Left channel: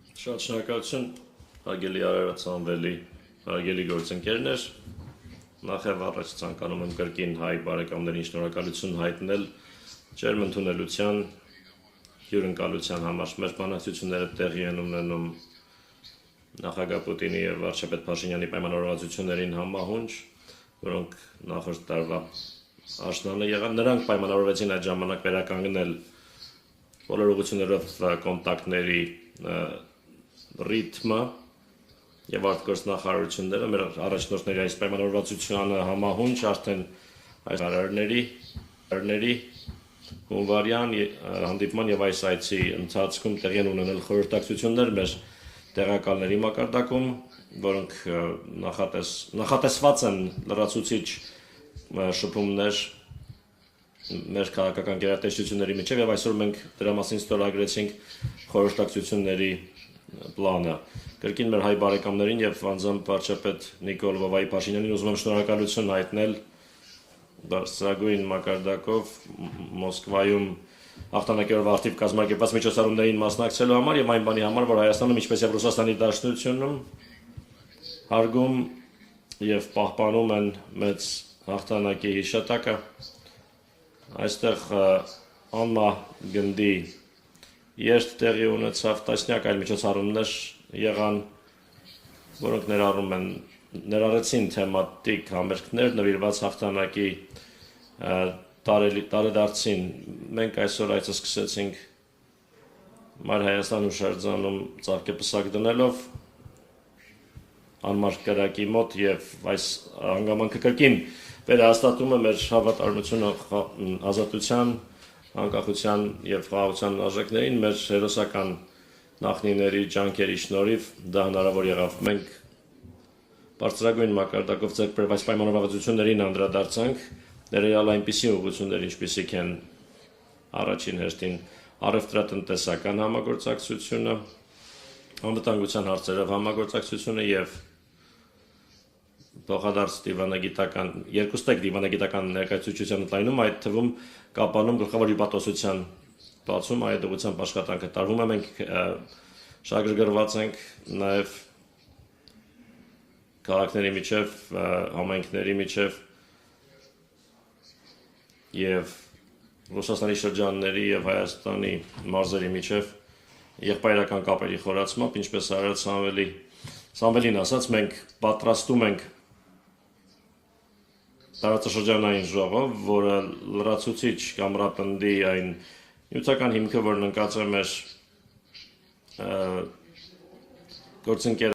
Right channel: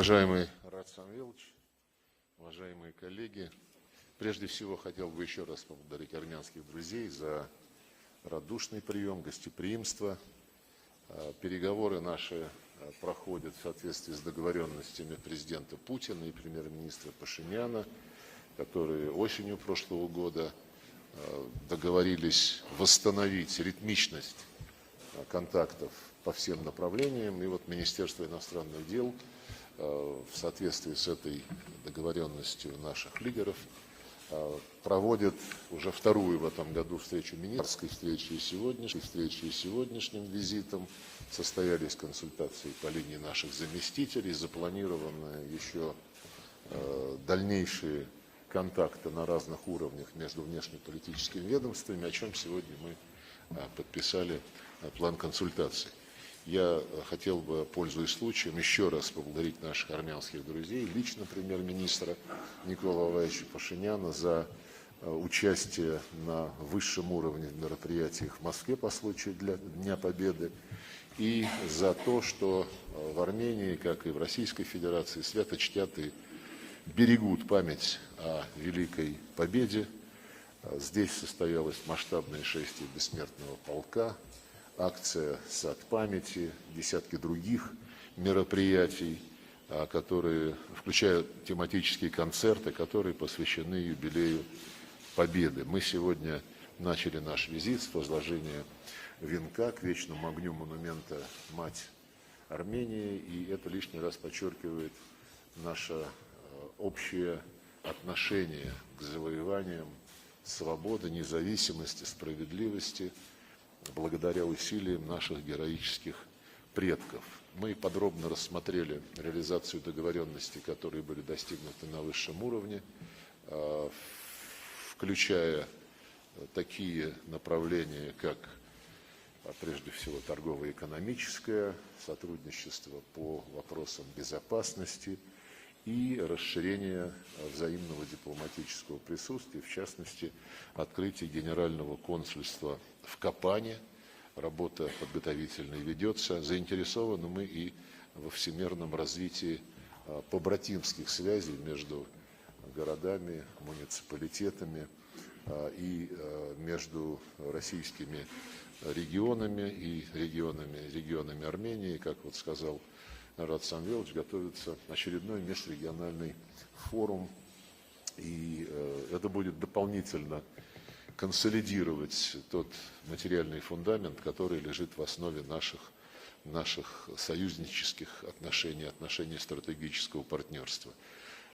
Уважаемый Շնորհակալություն, հարգելի Արարատսանվելի, հարգելի գործընկերներ, նախև առաջ ցանկանում եմ կրկին հայ բարեկամներին շնորհակալություն հայտնել ջերմ ընդունելության, հյուրընկալության համար։ Մեր բանակցությունները տեղի են ունենում նախագահ Պուտինի և վարչապետ Փաշինյանի պայմանավորվածություններին համահունչ, որոնք նախորդ տարվա աշտոնը եղան, նրանք պայմանավորվեցին այդ ժամանակ վերականգնել բոլոր ուղղություններով կոնտակտների ռիթմը եւ արտգործնախարարությունները մեր առաջնորդների այս պայմանավորվածությանը համահունչ արդեն այս արարների հունվարյան հանդիպման եւ այս այցի ընթացքում տեղի են ունենել խորհրդակցություններ մեր տեղակալների մակարդակում, որոնք նախատեսված են լրացուցիչ շփումներ մեր քաղաքական գերատեսչությունների միջև եւ այսօր մենք դրա մասին ստորագրեցինք խորհրդակցությունների պլանը։ Կրկին մեր հայ բարեկամներին եւ անձամբ վարչապետ Նիկոլ Փաշինյանին ուզում եմ շնորհակալություն հայտնել բարձրագույն մակարդակով Մոսկվայում Հաղթանակերով ակտիվ կազմակերպած միջոցառումներին մասնակցելու համար եւ այն բանի համար, որ Հայաստանում, ինչպես եւ Ռուսաստանի Դաշնությունում հարգում եւ պահպանում են մեծ հաղթանակի հիշատակը։ Այստեղ անմա գնդի երթ տեղի ունեցավ տասնյակ այլ միջոցառումներ եղան, որոնք ներառեցին թեմատիկ համերգներ նվիրված հաղթանակի տարեդարձին։ Մենք այսօր այցը սկսեցինք Մայր Հայաստան հուշարձանում ծաղկեպսակ դնելով անմար կրակի մոտ եւ այս հանգամանքը կրկին վերահաստատում է մեր հավատարմությունը ազատության, անկախության եւ խաղաղության արժեքներին, մեր հերոսական նախնիների ջանքերի շնորհիվ դա հնարավոր եղավ։ Մենք բարձրագույն մակարդակով ձեռք բերված պայմանավորվածություններին անդրադարձանք, ներառյալ այնպիսի ուղղություններ, ինչպիսիք են առաջին հերթին առևտրատնտեսական համագործակցությունը, անվտանգության հարցերով համագործակցությունը եւ փոխադարձ դիվանագիտական երկուստեք դիվանագիտական ներկայացուցչության ընդայնում, այդ թվում կապանում գլխավոր հյուպատոսության բացում, այդ ուղղությամբ աշխատանքը տարվում է, մենք շահագրգռված ենք նաեւ քաղաքների միջև, համայնքների միջև եւ Ռուսաստանի շրջանների եւ Հայաստանի մարզերի միջև եղբայրական կապերի խորացմամբ, ինչպես Արարատ Սամվելին ասաց, մենք պատրաստում ենք տարածաշրջանային ժողով, որը լրացուցիչ կամրապնդի այն նյութական հիմքը, որն ընկած է մեր գործընկեր